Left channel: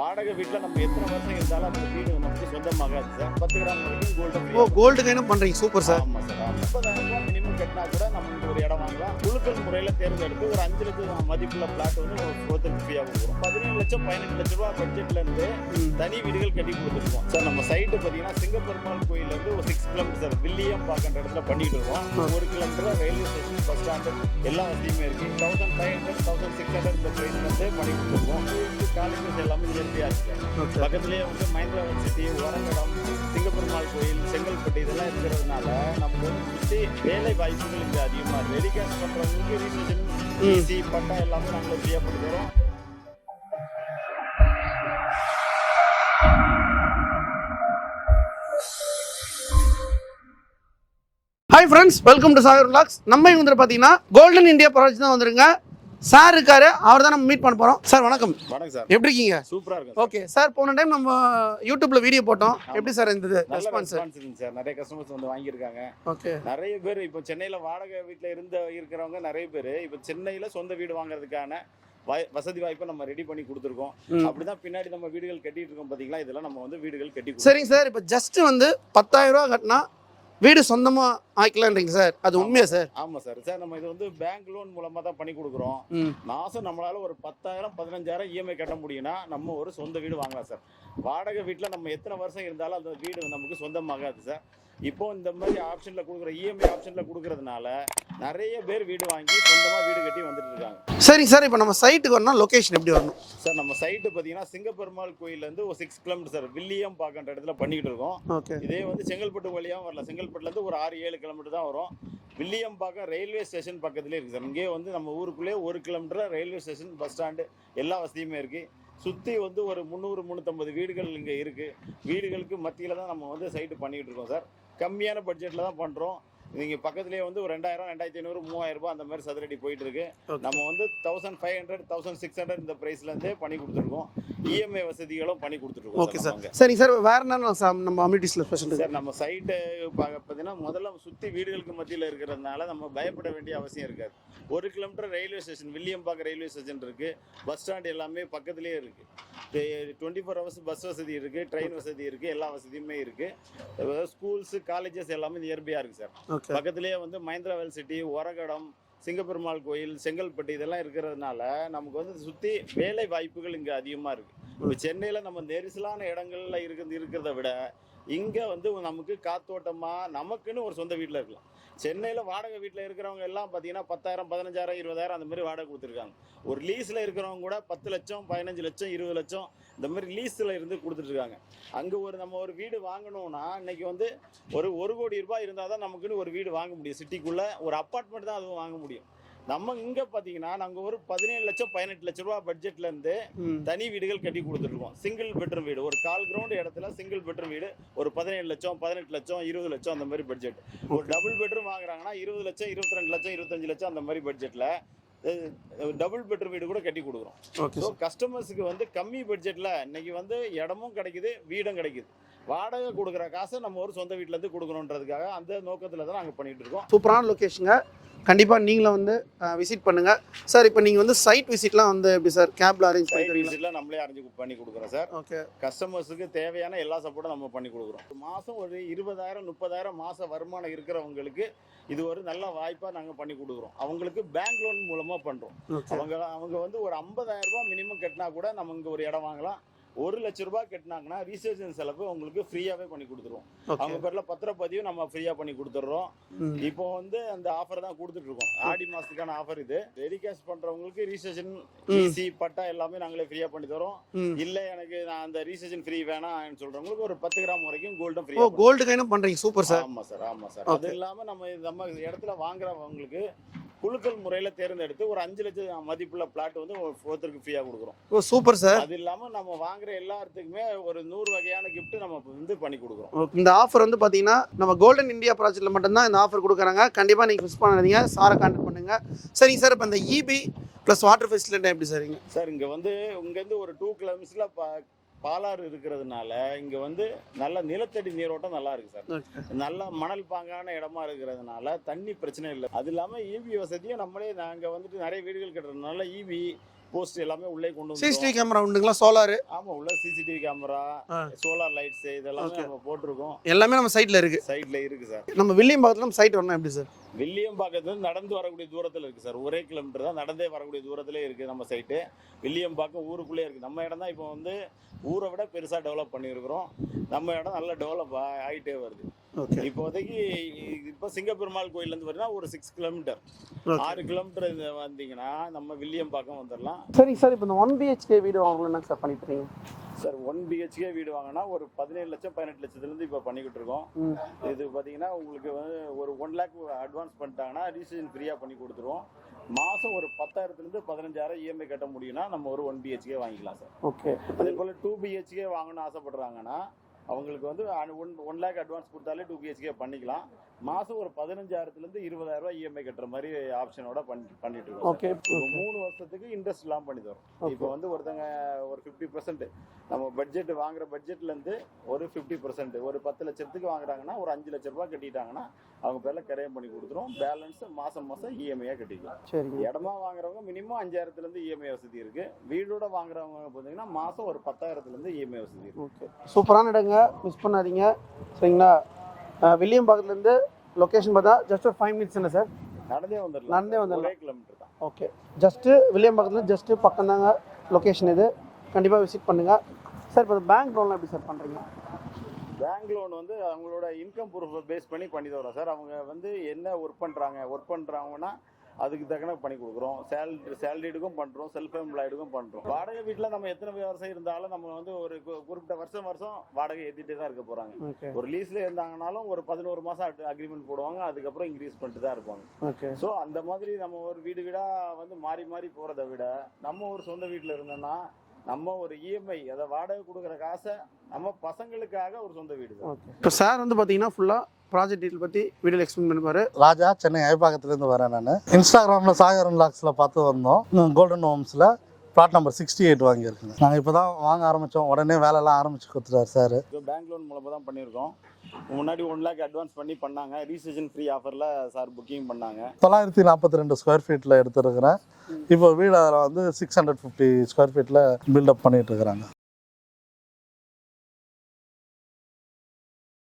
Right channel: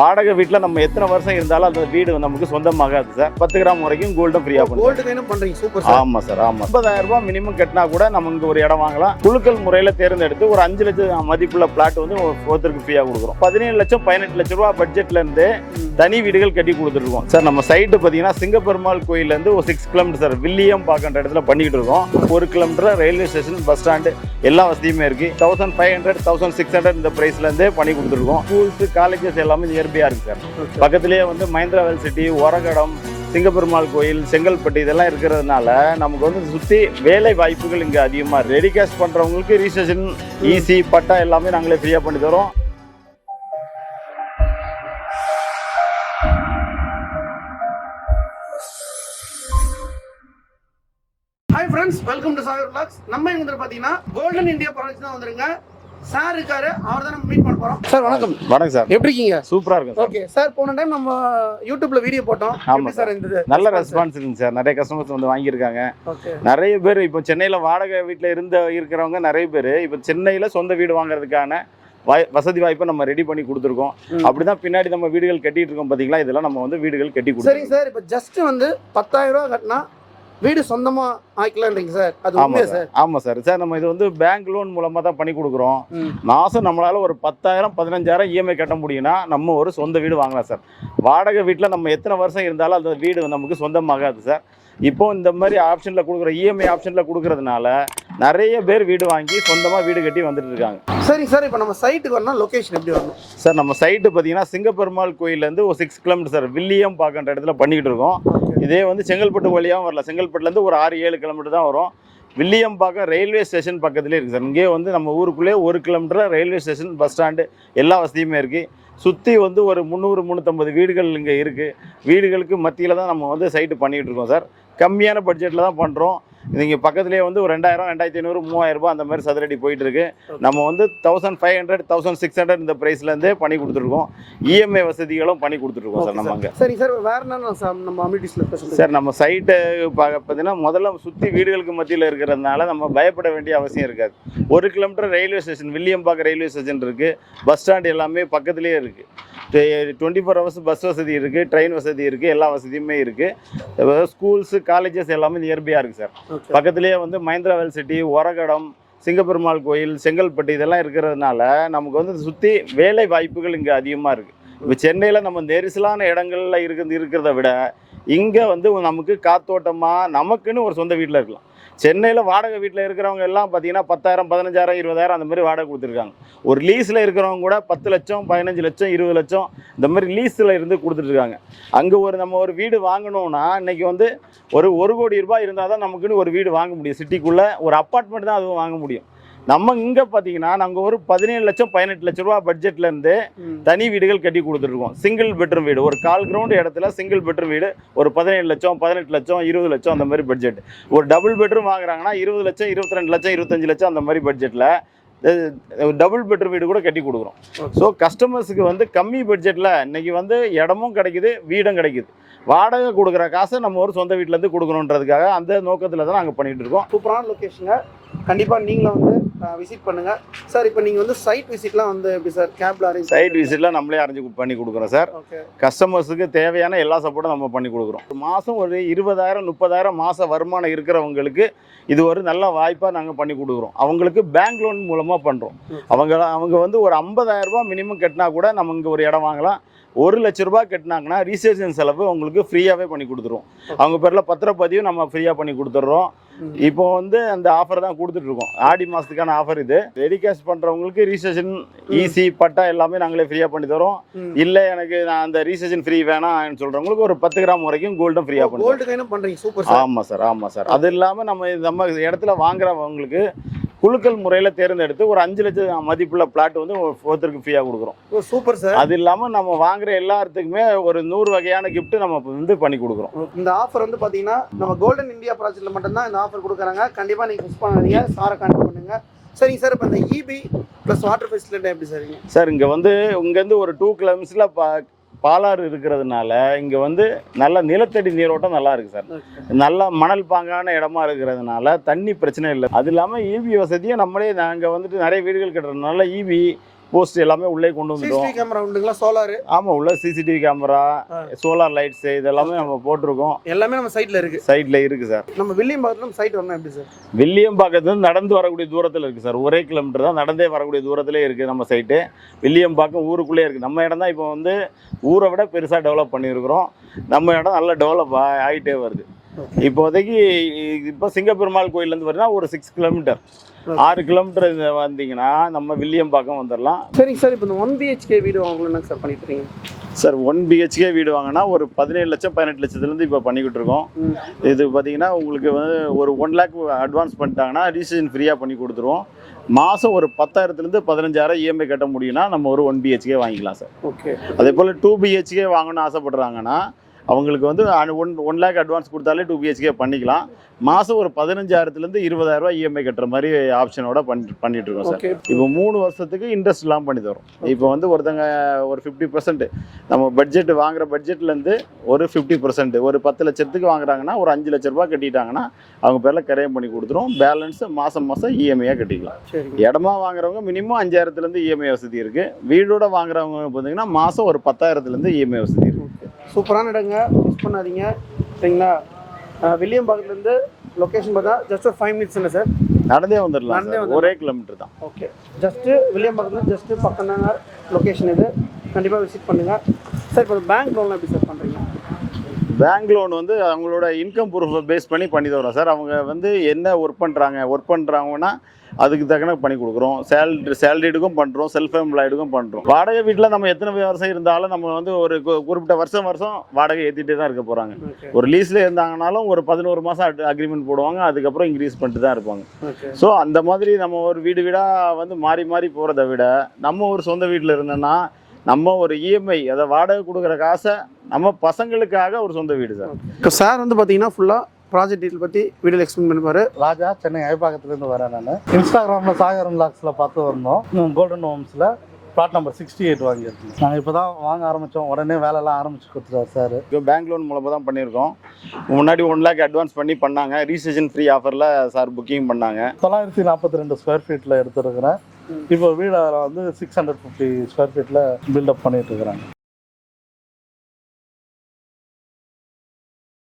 வாடகை வீட்டில் நம்ம எத்தனை வருஷம் இருந்தாலும் அந்த வீடு நமக்கு சொந்தமாகாது சார். 10 கிராம் வரைக்கும் கோல்டும் ஃப்ரீயா கோல்டு கைனும் பண்றீங்க. Super sir. ஆமா சார், ஆமா. 50,000 ரூபாய் மினிமம் கட்டினா கூட நம்ம இங்க ஒரு இடம் வாங்கலாம். குழுக்கள் முறையில தேர்ந்தெடுத்து ஒரு 5 லட்சம் மதிப்புள்ள பிளாட் வந்து ஒருத்தருக்கு ஃப்ரீயா கொடுக்குறோம். 17 லட்சம் 18 லட்சம் ரூபாய் பட்ஜெட்ல இருந்து தனி வீடுகள் கட்டி கொடுத்துருக்கோம் சார். நம்ம சைட்டு பார்த்தீங்கன்னா சிங்கப்பெருமாள் கோயில்ல இருந்து ஒரு 6 கிலோமீட்டர் சார். வில்லியம் பார்க்கிற இடத்துல பண்ணிட்டு இருக்கோம். 1 kilometre railway station, bus stand எல்லா வசதியுமே இருக்கு. 1500 1600 இந்த பிரைஸ்ல இருந்தே பண்ணி கொடுத்துருக்கோம். ஸ்கூல்ஸ் காலேஜஸ் எல்லாமே நியர்பையா இருக்கு சார். பக்கத்திலேயே வந்து மஹிந்திரா வேல் சிட்டி, ஒரகடம், சிங்கப்பெருமாள் கோயில், செங்கல்பட்டு இதெல்லாம் இருக்கிறதுனால நமக்கு வந்து சுற்றி வேலை வாய்ப்புகள் இங்கே அதிகமாக. ரெடி கேஷ் பண்ணுறவங்களுக்கு ரிஜிஸ்ட்ரேஷன் ஈஸி, பட்டா எல்லாமே நாங்களே ஃப்ரீயாக பண்ணி தரோம். Hi friends, welcome to Sagar vlogs. நம்ம இவங்க பார்த்தீங்கன்னா கோல்டன் இந்தியா ப்ராஜெக்ட் தான் வந்துருங்க. சார் இருக்காரு, அவர் தான் நம்ம மீட் பண்ண போறோம். சார் வணக்கம். வணக்கம் சார். எப்படி இருக்கீங்க? சூப்பரா இருக்கும். ஓகே சார், போன டைம் நம்ம யூடியூப்ல வீடியோ போட்டோம். எப்படி சார் இருந்தது? நல்ல ரெஸ்பான்ஸ் இருக்கு சார். நிறைய கஸ்டமர்ஸ் வந்து வாங்கியிருக்காங்க. ஓகே. நிறைய பேர் இப்போ சென்னையில் வாடகை வீட்டில் இருக்கிறவங்க நிறைய பேர் இப்போ சென்னையில் சொந்த வீடு வாங்குறதுக்கான வசதி வாய்ப்பை நம்ம ரெடி பண்ணி கொடுத்துருக்கோம். அப்படிதான் பின்னாடி நம்ம வீடுகள் கட்டிட்டு இருக்கோம் பாத்தீங்களா. இதெல்லாம் நம்ம வந்து வீடுகள் கட்டி கொடுத்தோம். சரிங்க சார். இப்போ ஜஸ்ட் வந்து 10,000 ரூபாய் கட்டினா வீடு சொந்தமா ஆயிக்கலாம்ன்றீங்க சார். அது உண்மையா சார்? ஆமா சார். சார் நம்ம இது வந்து பேங்க் லோன் மூலமா தான் பண்ணி கொடுக்குறோம். மாசம் நம்மளால ஒரு 10,000 15,000 இஎம்ஐ கட்ட முடியும்னா நம்ம ஒரு சொந்த வீடு வாங்கலாம் சார். வாடகை வீட்டில் நம்ம எத்தனை வருஷம் இருந்தாலும் அந்த வீடு நமக்கு சொந்தமாகாது சார். இப்போ இந்த மாதிரி ஆப்ஷனில் கொடுக்குற இஎம்ஐ ஆப்ஷனில் கொடுக்கறதுனால நிறைய பேர் வீடு வாங்கி சொந்தமாக வீடு கட்டி வந்துட்டு இருக்காங்க. சரி சார், இப்போ நம்ம சைட்டுக்கு வரணும், லொகேஷன் எப்படி வரணும் சார்? நம்ம சைட்டு பார்த்தீங்கன்னா சிங்கப்பெருமாள் கோயிலேருந்து ஒரு 6 கிலோமீட்டர் சார். வில்லியம் பார்க்கிற இடத்துல பண்ணிக்கிட்டு இருக்கோம். இதே வந்து செங்கல்பட்டு வழியாகவும் வரலாம். செங்கல்பட்டுலேருந்து ஒரு 6-7 கிலோமீட்டர் தான் வரும். வில்லியம் பார்க்க ரயில்வே ஸ்டேஷன் பக்கத்துலேயே இருக்குது சார். இங்கே வந்து நம்ம ஊருக்குள்ளே 1 kilometre railway station, bus stand எல்லா வசதியுமே இருக்குது. சுற்றி வந்து ஒரு 300-350 வீடுகள் இங்கே இருக்குது. வீடுகளுக்கு மத்தியில் தான் நம்ம வந்து சைட்டு பண்ணிகிட்டு இருக்கோம் சார். கம்மியான பட்ஜெட்டில் தான் பண்ணுறோம். இங்கே பக்கத்துலேயே வந்து ஒரு 2000, 2500, 3000 ரூபாய் அந்த மாதிரி சதுரடி போயிட்டு இருக்கு. நம்ம வந்து 1500, 1600 இந்த பிரைஸ்லேருந்தே பண்ணி கொடுத்துருக்கோம். இஎம்ஐ வசதிகளும் பண்ணி கொடுத்துருக்கோம் சார் நம்ம அங்கே. சரி சார், வேற என்ன நம்ம அமினிட்டிஸ்ல சார்? நம்ம சைட்டு பார்த்தீங்கன்னா முதல்ல சுற்றி வீடுகளுக்கு மத்தியில் இருக்கிறதுனால நம்ம பயப்பட வேண்டிய அவசியம் இருக்காது. 1 கிலோமீட்டர் ரயில்வே ஸ்டேஷன், வில்லியம் பார்க்க ரயில்வே ஸ்டேஷன் இருக்குது. பஸ் ஸ்டாண்டு எல்லாமே பக்கத்துலேயே இருக்குது. 24 ஹவர்ஸ் பஸ் வசதி இருக்குது, ட்ரெயின் வசதி இருக்குது, எல்லா வசதியுமே இருக்குது. ஸ்கூல்ஸு காலேஜஸ் எல்லாமே நியர்பையாக இருக்குது சார். பக்கத்துலேயே வந்து மஹிந்திரா வேல் சிட்டி, ஒரகடம், சிங்கப்பெருமாள் கோயில், செங்கல்பட்டு இதெல்லாம் இருக்கிறதுனால நமக்கு வந்து சுற்றி வேலை வாய்ப்புகள் இங்கே அதிகமாக இருக்குது. இப்போ சென்னையில் நம்ம நெரிசலான இடங்கள்ல இருக்கிறத விட இங்கே வந்து நமக்கு காத்தோட்டமாக நமக்குன்னு ஒரு சொந்த வீட்டில் இருக்கலாம். சென்னையில் வாடகை வீட்டில் இருக்கிறவங்க எல்லாம் பார்த்தீங்கன்னா 10,000, 15,000, 20,000 அந்த மாதிரி வாடகை கொடுத்துருக்காங்க. ஒரு லீஸில் இருக்கிறவங்க கூட 10 லட்சம், 15 லட்சம், 20 லட்சம் இந்த மாதிரி லீஸில் இருந்து கொடுத்துட்ருக்காங்க. அங்கே நம்ம ஒரு வீடு வாங்கணும்னா இன்றைக்கி வந்து ஒரு 1 கோடி ரூபாய் இருந்தால் தான் நமக்குன்னு ஒரு வீடு வாங்க முடியும். சிட்டிக்குள்ளே ஒரு அப்பார்ட்மெண்ட் தான் அதுவும் வாங்க முடியும். நம்ம இங்கே பார்த்தீங்கன்னா நாங்கள் ஒரு 17 லட்சம் 18 லட்சம் ரூபா பட்ஜெட்லேருந்து தனி வீடுகள் கட்டி கொடுத்துருக்கோம். சிங்கிள் பெட்ரூம் வீடு, ஒரு 1/4 கிரவுண்ட் இடத்துல சிங்கிள் பெட்ரூம் வீடு ஒரு 17 லட்சம், 18 லட்சம், 20 லட்சம் அந்த மாதிரி பட்ஜெட். ஒரு டபுள் பெட்ரூம் வாங்குறாங்கன்னா 20 லட்சம், 22 லட்சம், 25 லட்சம் அந்த மாதிரி பட்ஜெட்டில் டபுள் பெட்ரூம் வீடு கூட கட்டி கொடுக்குறோம். ஸோ கஸ்டமர்ஸுக்கு வந்து கம்மி பட்ஜெட்டில் இன்றைக்கி வந்து இடமும் கிடைக்குது, வீடும் கிடைக்குது. வாடகை கொடுக்குற காசை நம்ம ஒரு சொந்த வீட்டிலேருந்து கொடுக்கணுன்றதுக்காக அந்த நோக்கத்தில் தான் நாங்கள் பண்ணிகிட்டு இருக்கோம். சூப்பரான லொக்கேஷனுங்க. கண்டிப்பாக நீங்களும் வந்து விசிட் பண்ணுங்கள் சார். இப்போ நீங்கள் வந்து சைட் விசிட்லாம் வந்து எப்படி சார்? கேப்ல அரேஞ்ச் சைட் விசிட்லாம் நம்மளே அரேஞ்ச் பண்ணி கொடுக்குறோம் சார். கஸ்டமர்ஸுக்கு தேவையான எல்லா சப்போர்ட்டும் நம்ம பண்ணி கொடுக்குறோம். மாதம் ஒரு 20,000, 30,000 மாத வருமானம் இருக்கிறவங்களுக்கு இது ஒரு நல்ல வாய்ப்பாக நாங்கள் பண்ணி கொடுக்குறோம். அவங்களுக்கு பேங்க் லோன் மூலமாக பண்ணுறோம். அவங்க வந்து ஒரு 50,000 ரூபாய் மினிமம் கட்டினா கூட நம்ம இங்கே ஒரு இடம் வாங்கலாம். 1 லட்ச ரூபாய் கட்டினாங்கன்னா ரிஜிஸ்ட்ரேஷன் செலவு உங்களுக்கு ஃப்ரீயாகவே பண்ணி கொடுத்துருவோம். அவங்க பேரில் பத்திரப்பதிவும் நம்ம ஃப்ரீயாக பண்ணி கொடுத்துட்றோம். இப்போ வந்து அந்த ஆஃபர் தான் கொடுத்துட்ருக்கோம். ஆடி மாதத்துக்கான ஆஃபர் இது. ரெடி கேஷ் பண்ணுறவங்களுக்கு ரிஜிஸ்ட்ரேஷன் ஈஸி, பட்டா எல்லாமே நாங்களே ஃப்ரீயாக பண்ணி தரோம். இல்லை எனக்கு நான் அந்த ரிஜிஸ்ட்ரேஷன் ஃப்ரீ வேணாம்னு சொல்கிறவங்களுக்கு ஒரு 10 கிராம் வரைக்கும் கோல்டும் ஃப்ரீயாக பண்ணுறோம். கோல்டு கைனும் பண்ணுறீங்க. Super sir. ஆமாம் சார், ஆமாம் சார். அது இல்லாமல் நம்ம இடத்துல வாங்குறவங்களுக்கு குழுக்கள் முறையில் தேர்ந்தெடுத்து ஒரு 5 லட்சம் மதிப்புள்ள பிளாட் வந்து ஒருத்தருக்கு ஃப்ரீயாக கொடுக்குறோம். Super sir. அது இல்லாமல் நம்ம வாங்குற எல்லாத்துக்குமே ஒரு 100 வகையான கிஃப்ட் நம்ம வந்து பண்ணி கொடுக்குறோம். இந்த ஆஃபர் வந்து பார்த்தீங்கன்னா நம்ம கோல்டன் இந்தியா ப்ராஜெக்ட்ல மட்டும்தான் இந்த ஆஃபர் கொடுக்குறாங்க. கண்டிப்பாக நீங்கள் மிஸ் பண்ணாதீங்க. சாரை கான்டாக்ட் பண்ணுங்க. சரிங்க சார். இப்போ இந்த இபி ப்ளஸ் வாட்டர் ஃபெசிலிட்டி எப்படி சார்? சார் இங்கே வந்து இங்கேருந்து ஒரு 2 கிலோமீட்டர்ஸில் பாலாறு இருக்கிறதுனால இங்கே வந்து நல்ல நிலத்தடி நீரோட்டம் நல்லா இருக்குது சார். நல்லா மணல் பாங்கான இடமா இருக்கிறதுனால தண்ணி பிரச்சனை இல்லை. அது இல்லாமல் இபி வசதியும் நம்மளே நாங்கள் வந்துட்டு நிறைய வீடுகள் கட்டுறதுனால இபி போஸ்ட் எல்லாமே உள்ளே கொண்டு வந்துட்டோம். சிசிடிவி கேமரா உண்டுங்களா? சோலார்? ஆமாம், உள்ள சிசிடிவி கேமரா, சோலார் லைட்ஸ் இதெல்லாமே நம்ம போட்டிருக்கோம். எல்லாமே நம்ம சைட்ல இருக்கு. சைட்ல இருக்கு சார். நம்ம வில்லியம்பாக்கத்துல நம்ம சைட் வரணும் எப்படி சார்? வில்லியம்பாக்கத்துல நடந்து வரக்கூடிய தூரத்தில் இருக்கு சார். 1 கிலோமீட்டர் தான் நடந்தே வரக்கூடிய தூரத்திலே இருக்கு நம்ம சைட்டு. வில்லியம்பாக்கம் ஊருக்குள்ளே இருக்கு. நம்ம இடம் தான் இப்போ வந்து ஊரை விட பெருசாக டெவலப் பண்ணியிருக்கிறோம். நம்ம இடம் நல்லா டெவலப் ஆகிட்டே வருது. இப்போதைக்கு இப்போ சிங்கப்பெருமாள் கோயிலேருந்து பார்த்தீங்கன்னா ஒரு 6 கிலோமீட்டர், 6 கிலோமீட்டர் வந்தீங்கன்னா நம்ம வில்லியம்பாக்கம் வந்துடலாம். சரிங்க சார். இப்போ இந்த 1 BHK வீடு வாங்கணும்னா சார் பண்ணிட்டு இருக்கீங்க சார்? 1 BHK வீடு வாங்கினா ஒரு 17 லட்சம் 18 லட்சத்துலேருந்து இப்போ பண்ணிக்கிட்டு இருக்கோம். இது பார்த்தீங்கன்னா உங்களுக்கு வந்து ஒரு 1 லேக் அட்வான்ஸ் பண்ணிட்டாங்கன்னா ரிஜிஸ்ட்ரேஷன் ஃப்ரீயாக பண்ணி கொடுத்துருவோம். மாதம் ஒரு 10,000லேருந்து 15,000 இஎம்ஐ கட்ட முடியும்னா நம்ம ஒரு 1 BHK வாங்கிக்கலாம் சார். ஓகே. அதே போல் 2 BHK வாங்கணும்னு ஆசைப்படுறாங்கன்னா அவங்களுக்கு வந்து 1 லேக் அட்வான்ஸ் கொடுத்தாலே 2 BHK பண்ணிக்கலாம். மாதம் ஒரு 15,000லேருந்து 20,000 ரூபாய் இஎம்ஐ கட்டுற மாதிரி ஆப்ஷனோட பண்ணிட்டு இருக்கோம் சார். இப்போ 3 வருஷத்துக்கு இன்ட்ரெஸ்ட் இல்லாமல் பண்ணி தரோம். இப்போ வந்து ஒருத்தங்க ஒரு 50% நம்ம பட்ஜெட் வாங்குற பட்ஜெட்லேருந்து ஒரு 50%, ஒரு 10 லட்சத்துக்கு வாங்குறாங்கன்னா ஒரு 5 லட்ச ரூபாய் கட்டிட்டாங்கன்னா அவங்க பேரில் கரையம் பண்ணி கொடுத்துரும். பேலன்ஸ் மாதம் இஎம்ஐயாக கட்டிக்கலாம். இடமா வாங்குறவங்க மினிமம் 5,000லேருந்து இஎம்ஐ வசதி இருக்குது. வீடோட வாங்குறவங்க பார்த்தீங்கன்னா மாதம் ஒரு 10,000லேருந்து இஎம்ஐ வசதி இருக்குது. சூப்பரான இடங்க, மிஸ் பண்ணாதீங்க சரிங்களா? வில்லியம்பாக்கத்துலேருந்து லொக்கேஷன் பார்த்தா ஜஸ்ட் 5 மினிட்ஸ் என்ன சார்? நடந்தே வந்துடலாம். 1 கிலோமீட்டர் தான். ஓகே. ஜஸ்ட்டு வில்லியம்பாக்கத்துலேருந்து ஜஸ்ட்டு பக்கம் தாங்க லொக்கேஷன் இது. கண்டிப்பாக விசிட் பண்ணுங்கள் சார். இப்போ பேங்க் லோன்லாம் எப்படி சார் பண்ணுறீங்க? பேங்க் லோன் வந்து அவங்களோட இன்கம் ப்ரூஃபை பேஸ் பண்ணி தரோம் சார். அவங்க வந்து என்ன ஒர்க் பண்ணுறாங்கன்னா அதுக்கு தக்கன பண்ணி கொடுக்குறோம். சேலரிடுக்கும் பண்ணுறோம், செல்ஃப் எம்ப்ளாய்டுக்கும் பண்ணுறோம். வாடகை வீட்டில் நம்ம எத்தனை வருஷம் இருந்தாலும் நம்ம வந்து ஒரு குறிப்பிட்ட வருஷம் வாடகை ஏற்றிட்டே தான் இருக்க போகிறாங்க. ஒரு லீஸில் இருந்தாங்கனாலும் ஒரு 11 மாதம் அக்ரிமெண்ட் போடுவாங்க. அதுக்கப்புறம் இன்க்ரீஸ் பண்ணிட்டு தான் இருப்பாங்க. ஸோ அந்த மாதிரி நம்ம ஒரு வீடாக வந்து மாறி மாறி போகிறத விட நம்ம ஒரு சொந்த வீட்டில் இருந்தோன்னா நம்ம ஒரு இஎம்ஐ அதை வாடகை கொடுக்குற காசை நம்ம பசங்களுக்காக ஒரு சொந்த வீடு சார். இப்போ சார் வந்து பார்த்தீங்கன்னா ஃபுல்லாக ப்ராஜெக்ட் டீட்டெயில் பற்றி வீடியோவில் எக்ஸ்பிளைன் பண்ணிப்பாரு. ராஜா, சென்னை ஐபாக்கத்துலேருந்து வரேன். நான் இன்ஸ்டாகிராமில் சாகரன் லாக்ஸில் பார்த்து வந்தோம். கோல்டன் ஹோம்ஸில் பிளாட் நம்பர் 68 வாங்கியிருக்கோம். நாங்கள் இப்போ தான் வாங்க ஆரம்பித்தோம். உடனே வேலைலாம் ஆரம்பிச்சு கொடுத்துருவார் சார். இப்போ பேங்க் லோன் மூலமாக தான் பண்ணியிருக்கோம். முன்னாடி 1 லேக் அட்வான்ஸ் பண்ணாங்க. ரிஜிஸ்ட்ரேஷன் ஃப்ரீ ஆஃபரில் சார் புக்கிங் பண்ணாங்க. 942 ஸ்கொயர் ஃபீட்டில் எடுத்துருக்குறேன். இப்போ வீடு வந்து 650 ஸ்கொயர் ஃபீட்டில் பில்டப் பண்ணிட்டு இருக்கிறாங்க.